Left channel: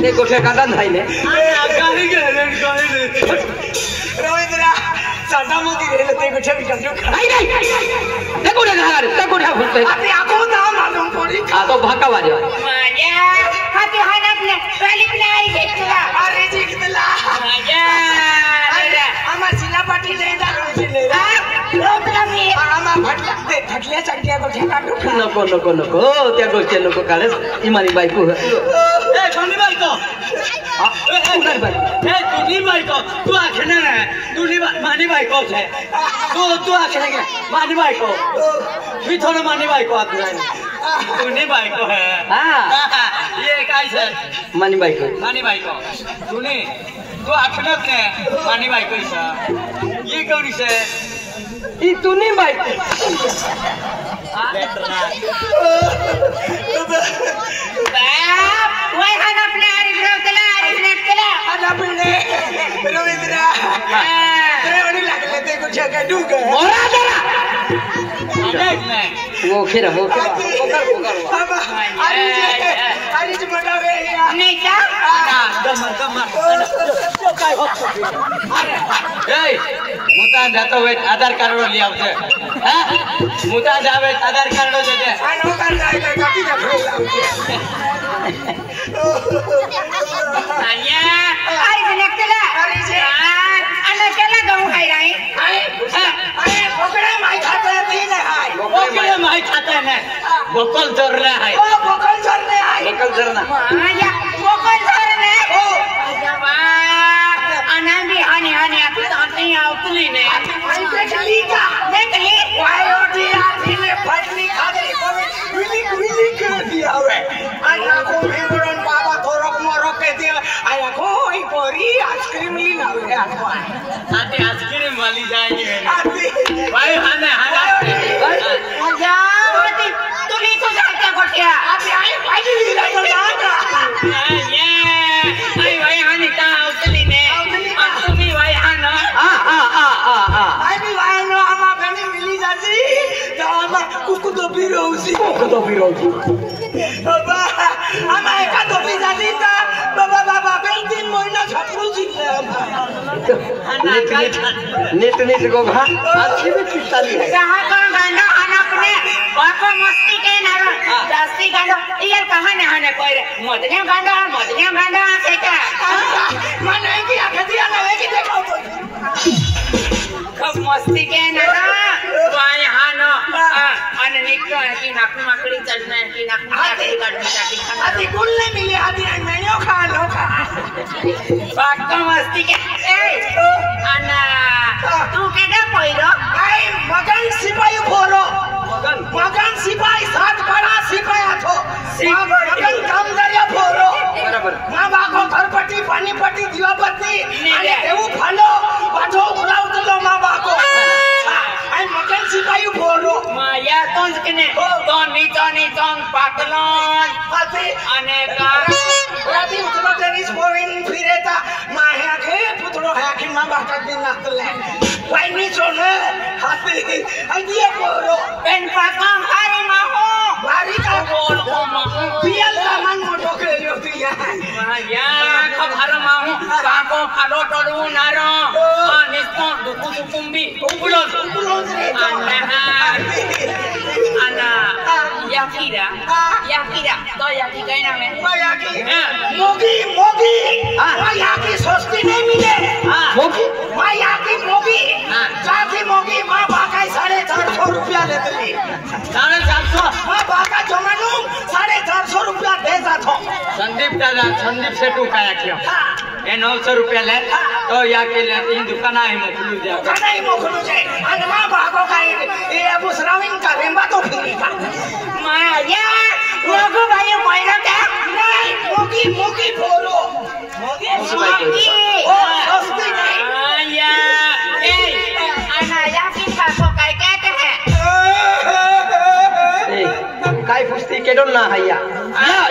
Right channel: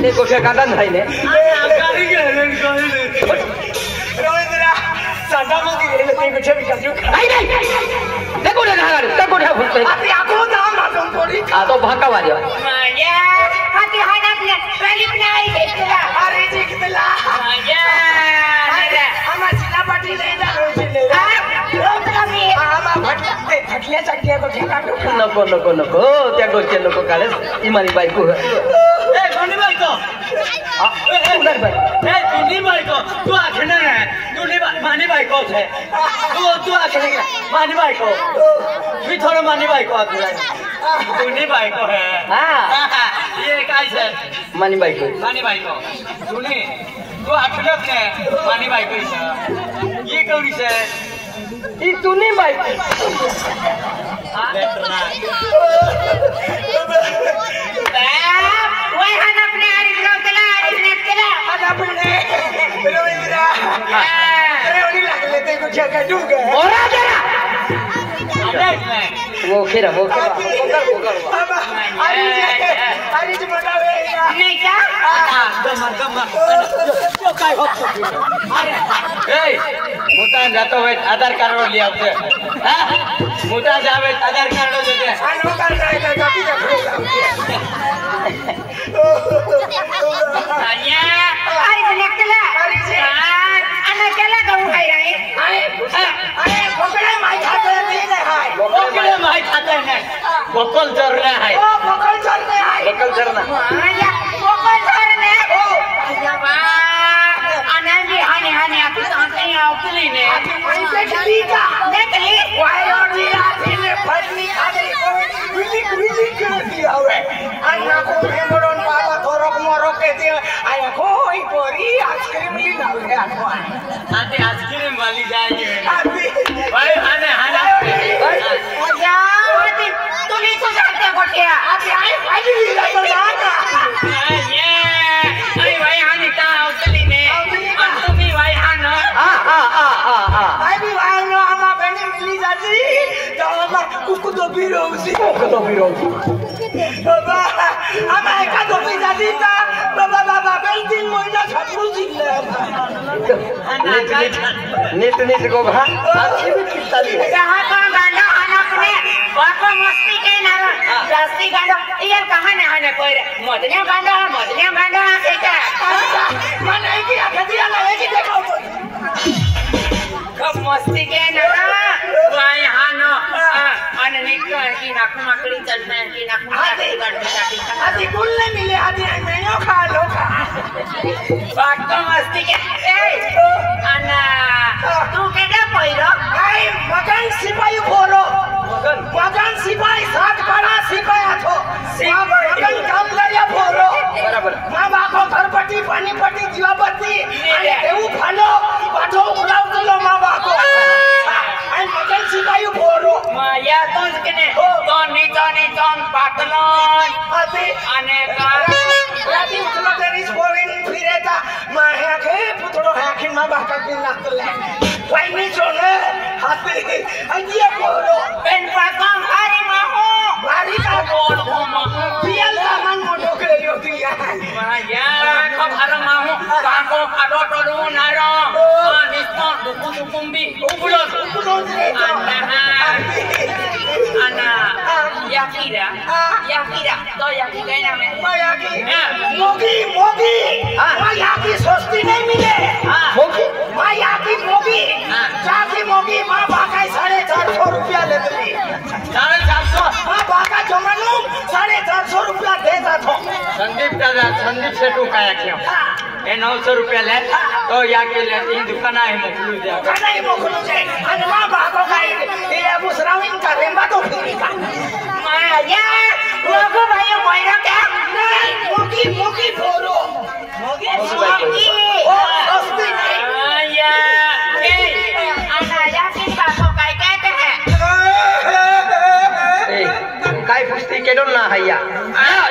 ते गोठ्या काढून राहिले काही गेलं रवींद्रा चांडामुकी गेले ते गोठ्या विचारतो नाही नाही ते गोठ्या नागार ते गोठ्या फुटते आता आको ना मारून पोरी तो भाका वाले माझ्या हाती हातात ने पहिली प्लाई भेटला अरे जिंकला माझ्या आम्हा जिल्हा पाटील नाही झालो जिल्हे रोकला मी आम्हा भटले भटल्या चटक्या गोठ्या काढू नको नको नको त्या गोष्टी नको काढस ती माझी बायको ए कोणी बायको तुझी बायको तू आखणार आहे तुझी मानी बायको है तू आखने मानी बायको मी थोड़ा मानी बायको आखणार तुझी बायको है ये काय सर मानी बायको मानी बायको तुझी तू आखणार नाही मानी बायको सर ये कौड़ी से ती तुनी बायको वय हात आपले आरीफ नव्हतला आरीफ नव्हतला अरे रवींद्रा एवढी लागले ते गोठ्या काढू ग ओरा जरा वो खेरा अरे म्हणावे नाही का मुता जातो होय आधार कार्ड वर लिहावं मुता जावे आधार कार्ड होते आणि काय काय कापी आण्या आरीफ नव्हतला आणि त्याला गाऊ काय राही अरे पकडा माय खाते नाही हाय बोकले माहित खाता नाही बोकल चोरला आहे ओ पकड चालले आहे एकल जरना माझ्या कोकण धरणे अजबा अनामी हानी हानी आपली तांती आवतली ने माई भेटली का देखली वाय ओडी आठीने फटली खादरी करून विली केली हवे अन्ना को मेमोरन बाबा थोरक मोरो के दे आया कोई पोरी आइसक्रीम ली ना रे आते आइसक्रीम वाली जाएगी आती भाई हाने हाना मजा आती तुली तो जाते गोटिया आती आई फाइनली लागला ये आई भाई हाने का आवतली ने और तुम्ही भाई हाना आई भी वाय नो आमा बने मिली जाती तो आमा कुकु तो बिरोसी बाबा आमा एका तो पी जाती ता बाबा बाबा बेल दिन महिना छपरू जिल्ला नीट गो घा अच्छी भी चिताली है कहां का गांडा आना अपने बापा मस्ती के नारो जास्ती गांडा ये कहां ने आने कोई मदने गांडा से क्या मने की आखदिया ना की देखाओ तो खूब मस्ती के नारो वाय हानो आणि निक्को की नाकू माकड़ी चलना है कि नाकू माकड़ी गाड़ी काटी खाना आती गुल नहीं मिले आती आई मेन्यू खा लो बाको मस्ती के ए अन्ना तू केडा पोइरो आई मगन सिपाही बोलो मगन सिपाही साथ बड़ा सिपाही थो मगन काम लया बोलो बराबर मां बाको घरपट्टी पानीपट्टी दीवापट्टी आणि एवू फालो पाठो उलावतलो मां बाको आई मगन सिपाही बोलो माया तोंज कने तोन पातलन आती आणि राती उठलो तरीच बोलेन फिरेता माया के पुतळो है की मां बाका दिन नातले वाईनी चोले हाती आई दिए बोलो पेन पाकन हारी माहो भारी का बोल हो माहो पियल का मन मोटो के योती है माया खबर माहो काको फाडो टडू नारो निस्तोन दुकुंबी उबुलो Ana Yakira to Yakira नाम है मोगी मायाकी सस्ती नहीं मिले मायाकी मोगी जाती मोगी माँ बाका 450 रुपया लेते 450 माँ बाका जमानो 450 रुपया देता था संदीप सेठू काय क्यों ये 900 रुपये ले तो या के ले तीन दुकान है मोकलू जा नहीं मोकलू से अन माँ बाको का ये अबू सराविन का रेमा तो फिरी का माया मोगू भाई बोलो क्या नहीं मोगी बोलो मोगी ओ सस्ती नहीं माया ए ana Yakin बाको काय कहते हैं ए काय पुस्ती केडो ना हैया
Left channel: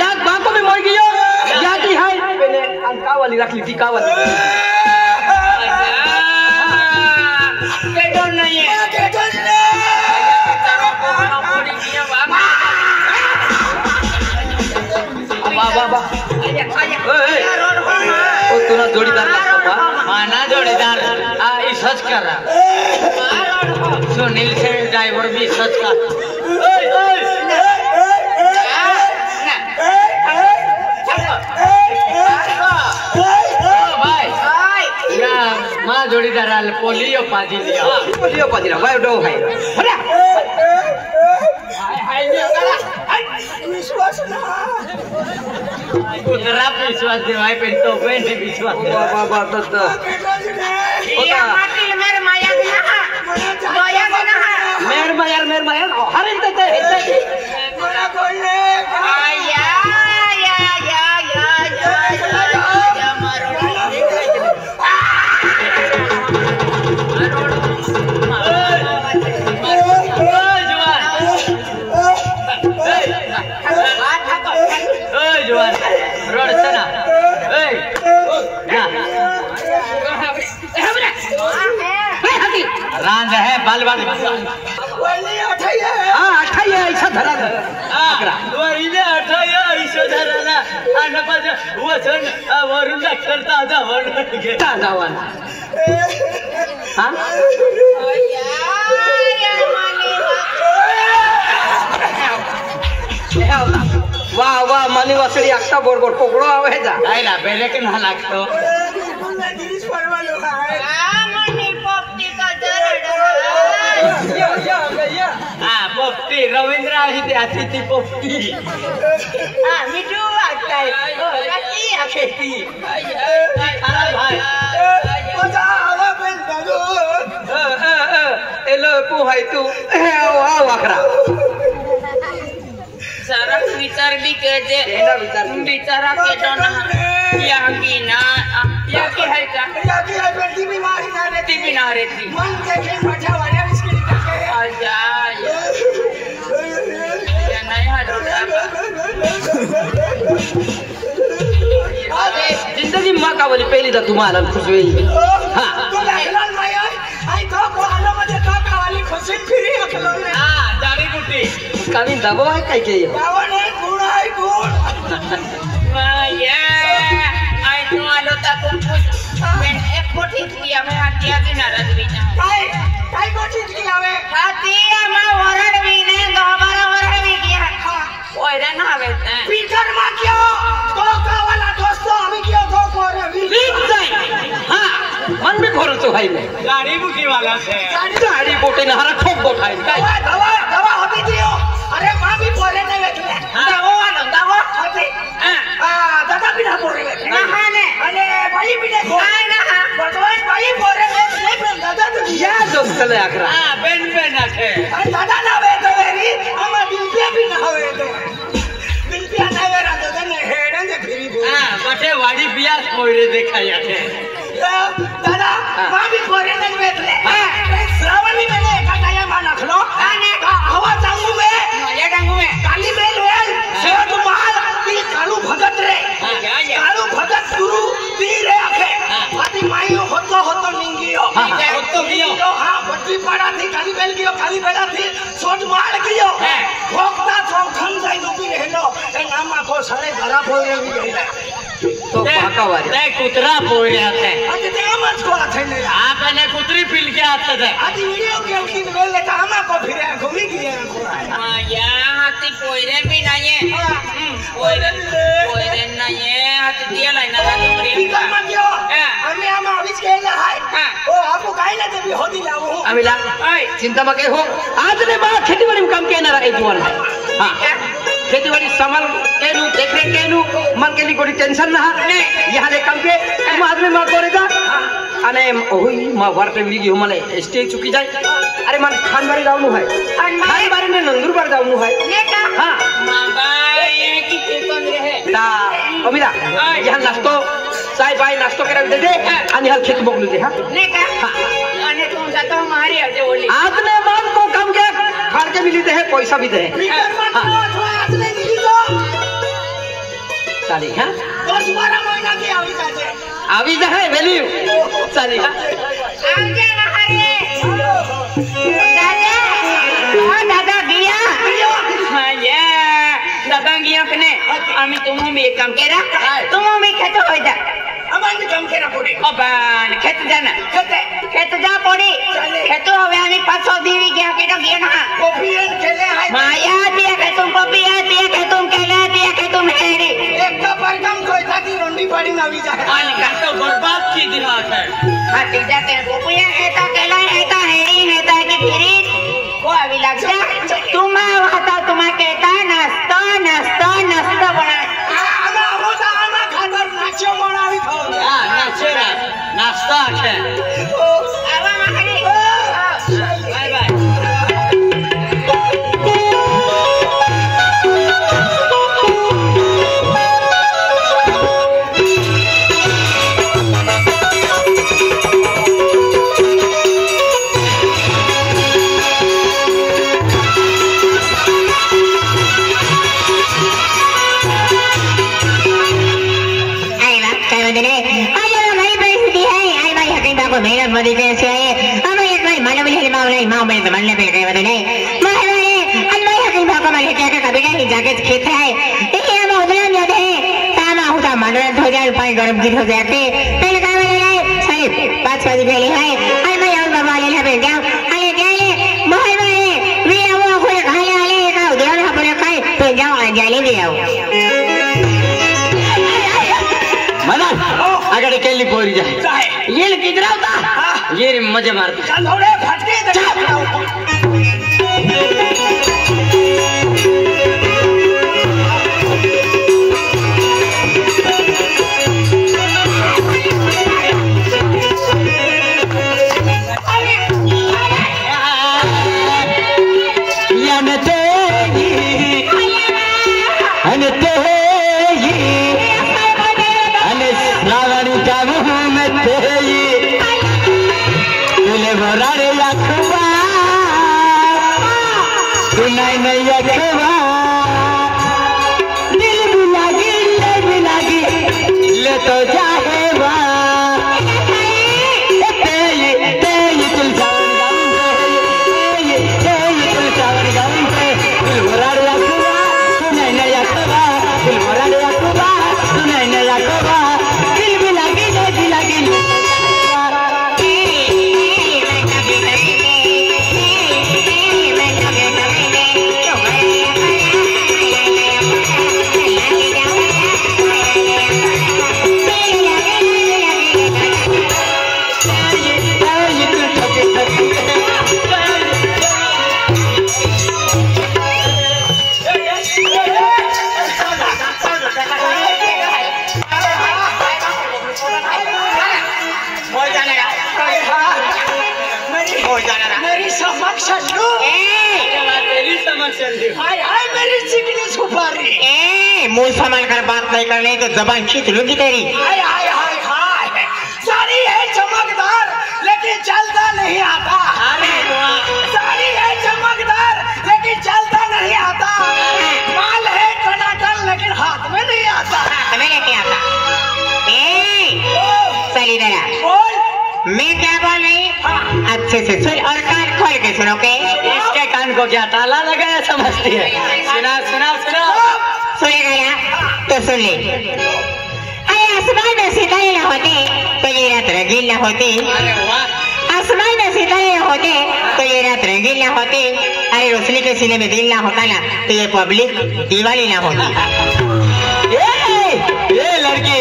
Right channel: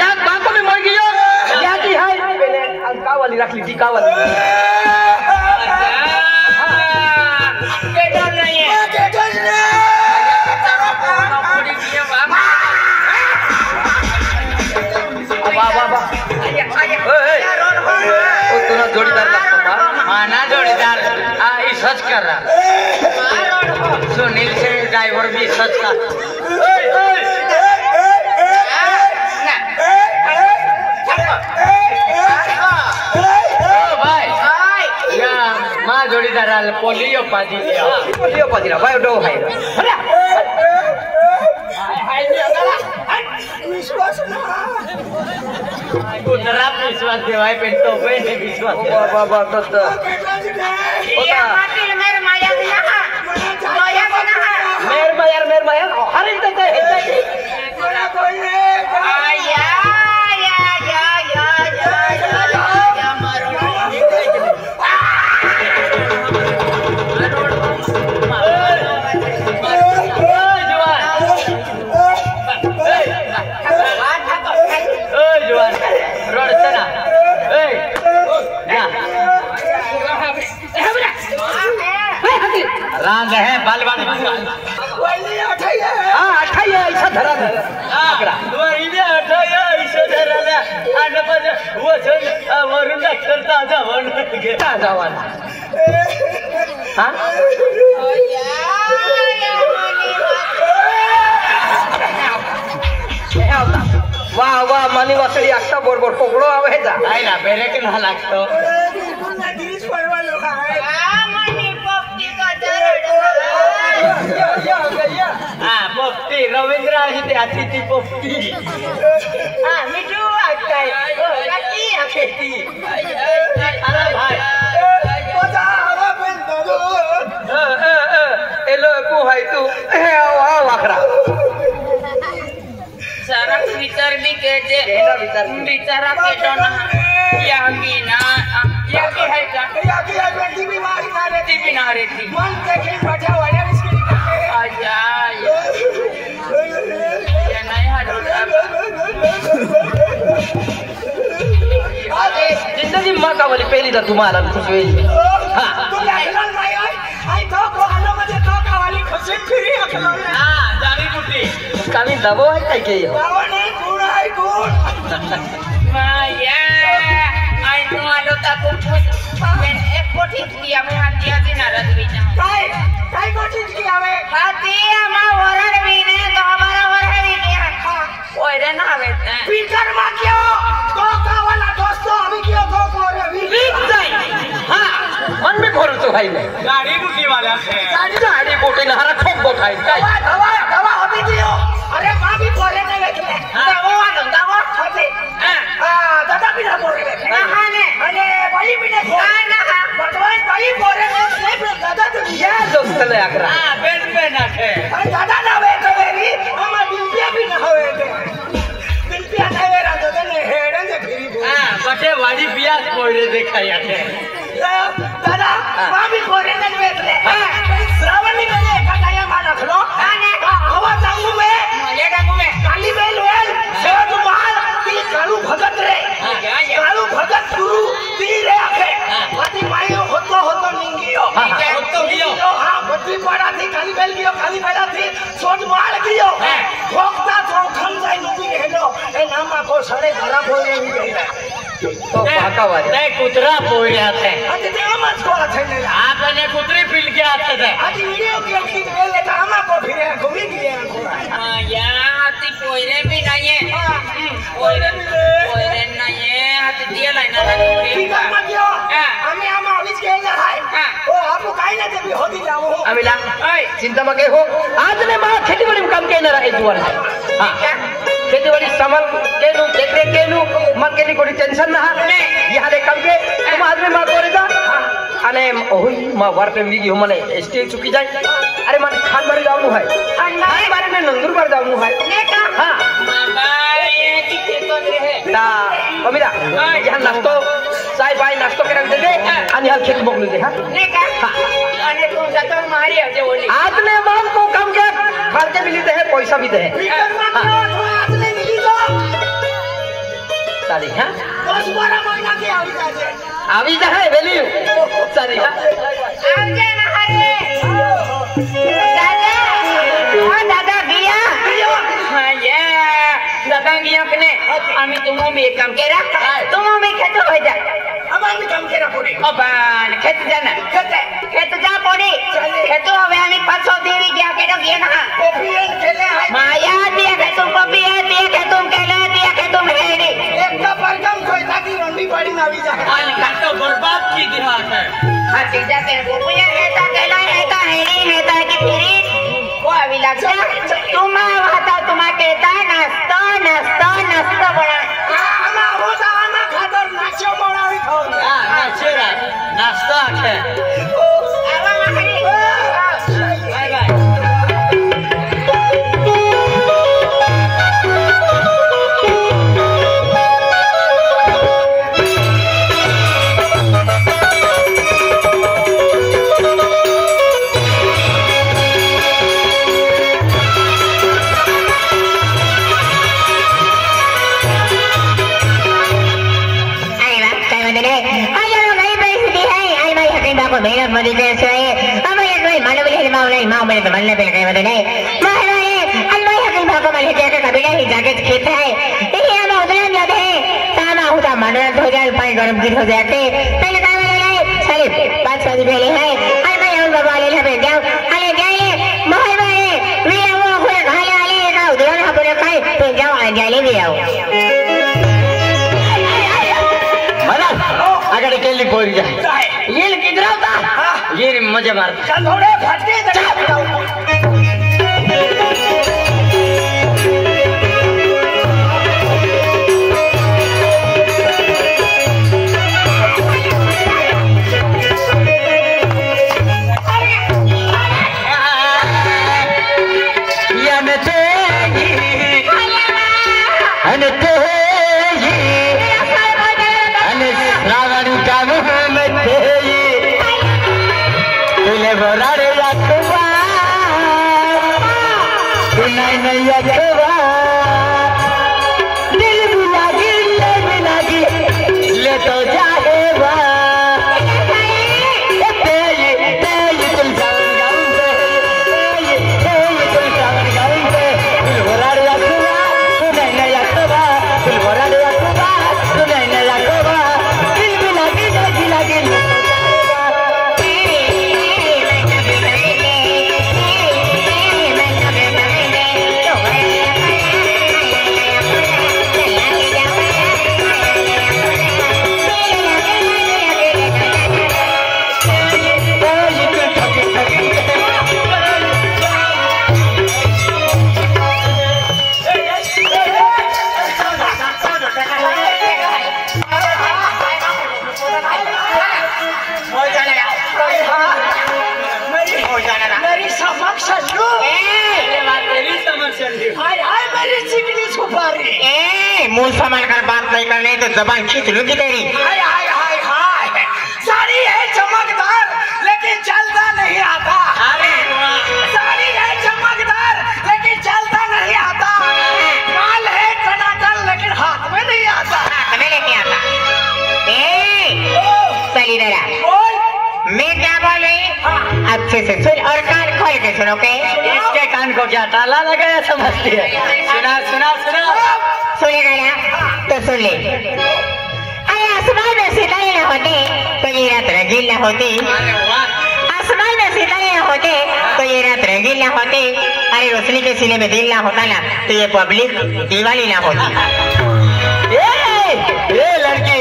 या बाको में मर गयो या की है पहले अंका वाली रख ली टीका वाली केडो नहीं है केडो नहीं बाबा तुला जोडीदार लागतो का? ना जोडीदार सच कर रहा सुनील से ड्राइवर भी सच कर जोडीदार पोलियो पाजी भाई डो भाई विश्वास ना कुतरा विश्वास देवाय पे तो पे विश्वास बाबा तो या माटी मेरे माया के ना दोया के ना मेर मायर अरे ते मला बोलले या मारो रांध है बाल बाल बोलले अठाई ऐसा धरा इने अठाया ऐसा धरा ना आणि पण वचन वरून डॉक्टर ताजा वरून जावान वा मानी वासळी आत्ता बरोबर पकडो आहे जा काय ना बेरे के ना लागतो गिरीश परवालो हाय मनी पप्पी का पोपटी रवींद्र आहे ते अतिथी पोपटी मिठू वाटतंय खेती अरे भाई माझा हवा पण दादू एलो तू हाय तू वाखरा सारा विचार भी कहते बिचारा के तो ना या मीना या के है का या की बेटी बीमारी ना रहती बिना रहती मन के खेल बैठा वाले इसके लिए आजा या नहीं हाथ जिंदगी माँ का वाली पहली तो तुम्हारा खुश हुई तू लागला नाही आई तो को आलो मध्ये तो का वाली खुशी फिरी अखलो हां जारी कुटी कामी दबो है काय के बाबाने गुण आहे गुण माया आई तो आलो ता कुछ पण एक कोठी दिया मैं हटिया से नाराज भी ना काय गोष्टी कियावे हटिया मा वरण भी ने दोबारा वरण भी किया ओए रे ना वे पीकर मा क्यों तो का वाला दोस्तों अभी क्यों तो कोरे भी हाँ मन में घोर तो भाई में गाड़ी बुकी वाला से गाड़ी बोटे ना हरा ठोक बोठाई काय दवा होती थी अरे मां भी बोले ने बैठले दवा होती दादा भी ना बोले बैठले ना ने અને બળી પીને ના ભગવાન બળી બોરે ને દાદા તો या दोस्त ने आकरा हां बेन છે અને દાદા ના આવે તો વેરી આમાં બિલપિયા બી ના આવે તો બિલપિયા ના આવે દાદા ને હેડે ને ફેરી બોલે हां कठे वाडी बियास मोडे देखाया છે દાદા માं भी બોરે ને बैठले श्रावणी મેને કાટાયા માં નાખલો અને હવા ચાંગુ મે ये डंगू में કાલી બેલ વેલ સોટ માર તી કાલુ ભગત રે કાલુ ભગત ગુરુ તી રે આખે માતી માયો હોતો નિંગિયો હોતો ગયો હા બધી પાડાથી કાલી બેલ ગયો કાલી બેલાથી સોટ માર ગયો ભોગતા થોખમ જાય ઊભી રહેલો એ નામા કો સડે ઘરા બોલે ઉઈ ગઈ तो काका वाले ते कुतरा पोळ्या છે આજે તે આમ જ કોલા થઈને આ કને कुतरी ફીલ કે આતે છે આજે વિડિયો કે की મેલે તો આમાં કો ફિરે ઘૂમી ગયા या हाथी पोयरे भी नहीं है पोयरे नहीं है हाथी दिया लाइना पीकर मत गयो आम्ही आमा अभिज गेला हाय ओ आपको काय ना ते होती लावो अमिला चिंता मत हो आज ने बा खेतीवाड़ी में काम केना रे जुवान हां खेतीवाड़ी संभाल केनु देख रे केनु मन केली कोणी टेंशन ना यहाँ ले काम के तुम आज में मां करे जा अने ओही मां वारते मिगी हमले स्टे चुकी जाय अरे मन खान मारे जावनु है खान मारे में नंदुर पर जावनु है हां मामा ये कितने तोंद रहे ता अमिला यहाँ नाश्तो चाय बाय नाश्तो करा दे दे आणि हा खेत मोकलू दे हां ने का आणि तुम जाता मारी आजे बोली आपने माल को कम के खर्चे भी लेते हैं पैसा भी दे पीकर मत गयो तो आज ले मिली तो चाली हां 10-12 महीना की आवी जाजे आवी जा है वैल्यू चाली हां आजे महारे दादा दादा गया हां ये दादा गया कने आम्ही तुम मम्मी एक काम केरा तुम मम्मी खेत हो जा अमान काम केरा पुढे अपन खेत जाना खेत जा पोडी खेतो हवे आम्ही 500 देवी घ्या केडो घे ना कोपियन केले आहे माया दिया के तुम पपिया दिया के तुम केले दिया के तुम हेरी एक का परकम कोई थाती रोंडी पाड़ी नावी जाए आन का तो बर्बाद की दिया है हां ते जाते गोपिया हेता केला हेता हेरी हेता की फिरी को आवी लाग जा तुम वाता तुम केता नास्तो नास्तो नास्तो बना आना होता आना खातर नाचो बनावी थो हां नाचेरा नाश्ता है आवा मारी बाय बाय मेरा मरी कैसे है अब ये कोई मानव ले मावले माव में तो बनने पे कहीं बदले मारे अल्लाह यकीन भागो मैं क्या का कभी नहीं जाके खेत है ये हम उधर जाते हैं तामा होता मानव हो जाए पानी गरम गिर हो जाते पहले कहीं बदले सारे 5 बजे पहले है अरे मैं और बाबा ले ले बैठ जाओ अरे जाइए मारे वे वो कोई खाने वाले का उधर ना बोले खाए तो जाओ आ जाले ले आओ मना अगर केली पोरी जाए ये किधर आता ये मजे मारते थोड़े फटके दिल भी लागी ले तो जाएगा दिल सावन गाउन पे दिल वराड़ रखवा सुनाई नया खबा दिल वराड़ रखवा सुनाई नया खबा दिल भी लागी मेरी समक्ष मेरी चिकनी सुपारी मुंह संभाल कर बात नहीं करनी तो जबान खींच लूंगी तेरी हाय हाय हाय हाय साड़ी है चमकदार लेकिन चलता नहीं आता साड़ी है चमकदार लेकिन चलता नहीं आता माल है टनाटन लेकिन हाथ में नहीं आता हाथ में लेके आता सही जरा बोल मैं क्या बोल रही अच्छे से सुन और कान खोल के सुनो के इसके कान को क्या ताला लगाया समझती है सुना सुना सुना सुनेगा ना तो सुन ले अरे आसमान में सितारे ना होते तो ये रात रंगीन ना होती अरे वाह आसमान में सितारे ना होते तो ये रात रंगीन ना होती अरे रोशनी के सीने में दिल ना होता ना तो ये पब्लिक दिवाली ना होती ये लड़की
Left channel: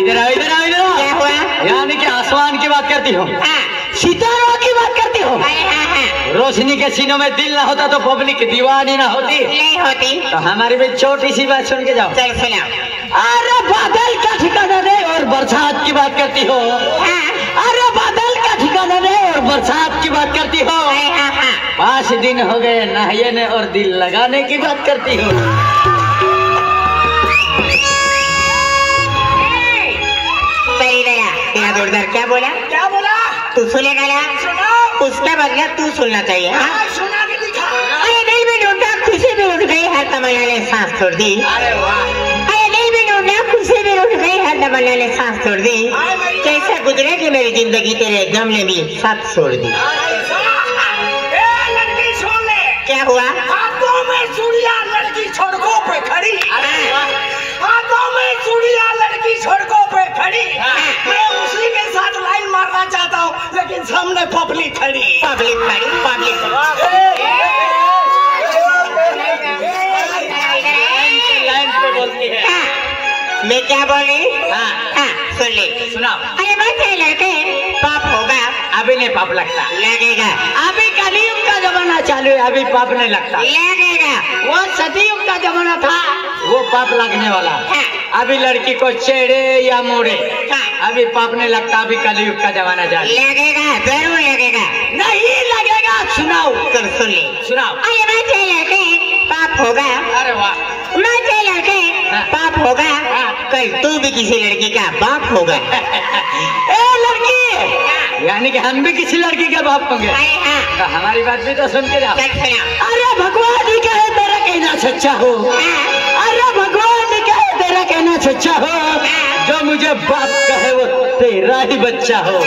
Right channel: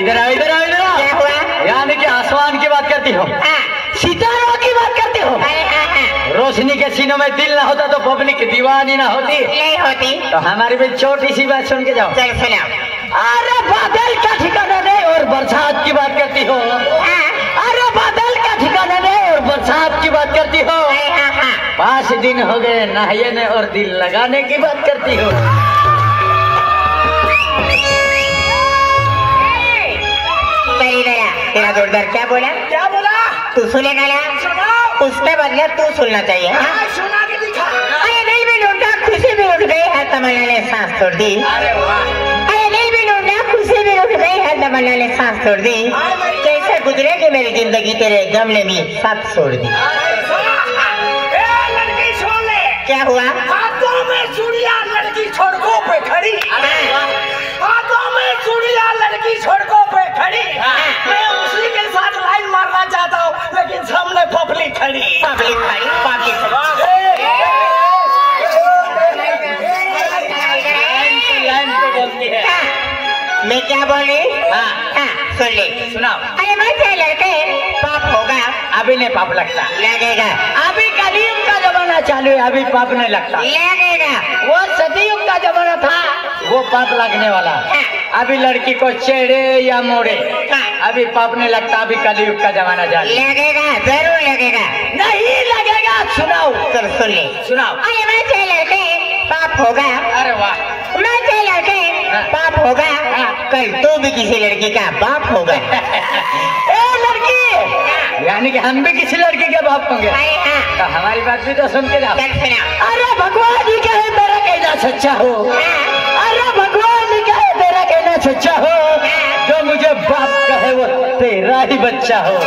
इधर आओ इधर आओ इधर आओ क्या हुआ यानी कि आसमान की बात करती हो सितारों की बात करती हो रोशनी के सीनों में दिल ना होता तो पब्लिक दीवानी ना होती नहीं होती तो हमारी भी छोटी सी बात सुन के जाओ चल सुनाओ अरे बादल का ठिकाना दे और बरसात की बात करती हो अरे बादल का ठिकाना दे और बरसात की बात करती हो 5 दिन हो गए नहाने और दिल लगाने की बात करती हो सही गया तेरा जोरदार क्या बोला तू सुनेगा ना उसके बदले तू सुनना चाहिए अरे दिल भी लूटा खुशी भी उठ गई है तमन्ना ने सांस छोड़ दी अरे वाह अरे दिल भी लूटा खुशी भी उठ गई है तमन्ना ने सांस छोड़ दी कैसे गुजरे कि मेरी जिंदगी तेरे गम ने भी साथ छोड़ दी लड़की सुन ले क्या हुआ हाथों में चूड़ियां लड़की सड़कों पे खड़ी हाथों पब्लिक खड़ी पब्लिक खड़ी पब्लिक लाइन पे बोलती है। मैं क्या बोल रही? हाँ सुन ले सुनाओ। अरे मैं क्या लड़के पाप होगा अभी नहीं पाप लगता, लगेगा अभी कलयुग का जमाना चालू है, अभी पाप नहीं लगता। लगेगा वो सतयुग का जमाना था, वो पाप लगने वाला। हाँ। अभी लड़की को छेड़े या मोड़े, हाँ। अभी पाप नहीं लगता, अभी कलयुग का जमाना चालू है। लगेगा जरूर लगेगा नहीं लगेगा, सुनाओ सुन ले सुनाओ। अरे मैं क्या लड़के पाप होगा अरे वाह, मैं क्या लड़के हाँ। पाप होगा कल तू भी किसी लड़की का बाप होगा ए लड़की, यानी कि हम भी किसी लड़की के बाप होंगे। हाँ तो हमारी बात भी तो सुन के जाओ। चल सुना अरे भगवान जी कहे तेरा कहना सच्चा हो, अरे भगवान जी कहे तेरा कहना सच्चा हो, जो मुझे बाप कहे वो तेरा ही बच्चा हो।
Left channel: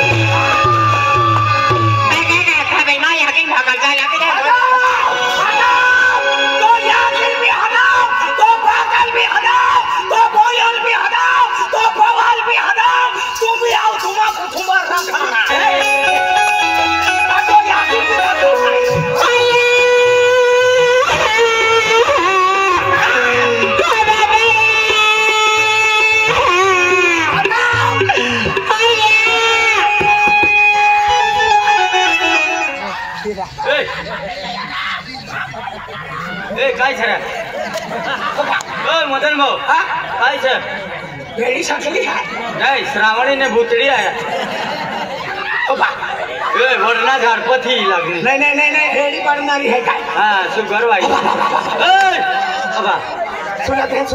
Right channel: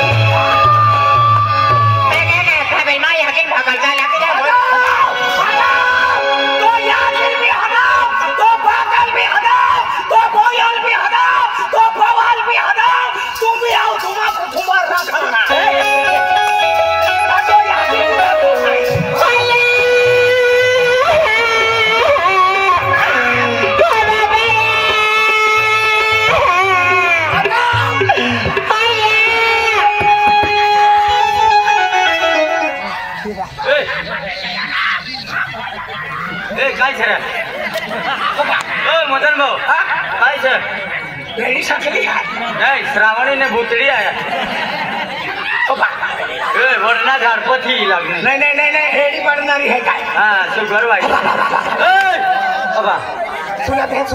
तो याकिन भी हटाओ, तो पागल भी हटाओ, तो बोयल भी हटाओ, तो बवाल भी हटाओ, तुम भी आओ, तुम्हारा तुम्हारा खाना तो याकिन भी ए काय छे मदन भाऊ काय छे मेरी सकली है नहीं श्रावणी ने भूतड़ी आया ए वरना झाड़ पथी लागनी नहीं नहीं नहीं नहीं हेड बंदरी है काय हां शुगर भाई ए अबा सुनाते हैं